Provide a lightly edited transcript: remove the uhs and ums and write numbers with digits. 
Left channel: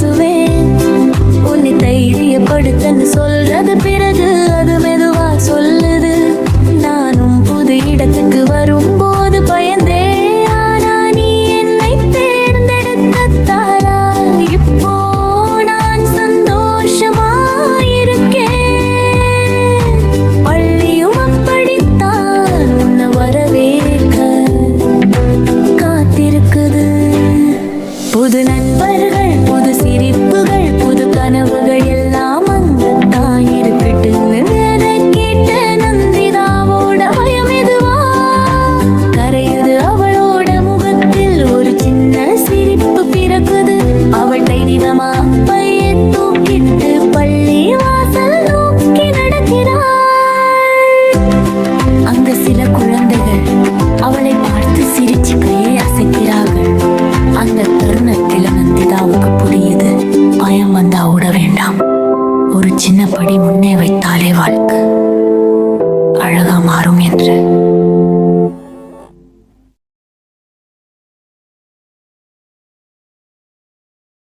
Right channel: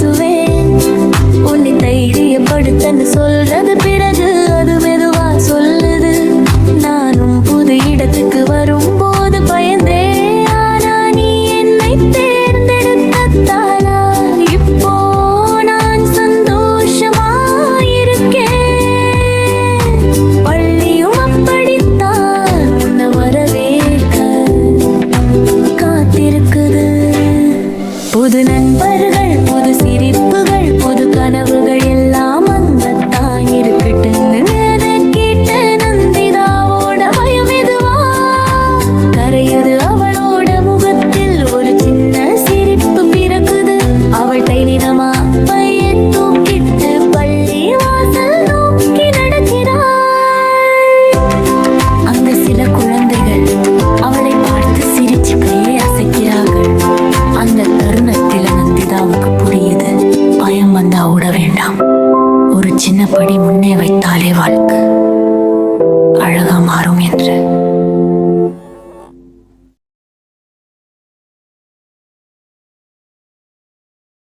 பேசுவேன். உன்னை தைரியப்படுத்தன்னு சொல்றது, பிறகு அது மெதுவா சொல்லுது. நானும் புது இடத்துக்கு வரும்போது பயந்தே, ஆனா நீ என்னை தேர்ந்தெடுத்தாளா இப்போ நான் சந்தோஷமா இருக்கேன். பள்ளியும் அப்படித்தான் உன்னை வரவேற்க காத்திருக்குது. புது நண்பர்கள், புது சிரிப்புகள், புது கனவுகள் எல்லாம் அங்கத்தான் இருக்கட்டுன்னு அதை கேட்ட நந்திதாவோட பயம் எதுவா கரையுது. அவளோட முகத்தில் ஒரு சின்ன சிரிப்பு பிறக்குது. அவள் தைரியமா பையை தூக்கிட்டு பள்ளி வாசல் நோக்கி நடக்கிறாள். அங்க சில குழந்தைகள் அவளை பார்த்து சிரிச்சு கையை அசைக்கிறார்கள். அந்த தருணத்தில நந்திதாவுக்கு புரியுது, பயம் வந்தா ஓட வேண்டாம். ஒரு சின்ன படி முன்னே வைத்தாலே வாழ்க்கை அழகா மாறும் என்று.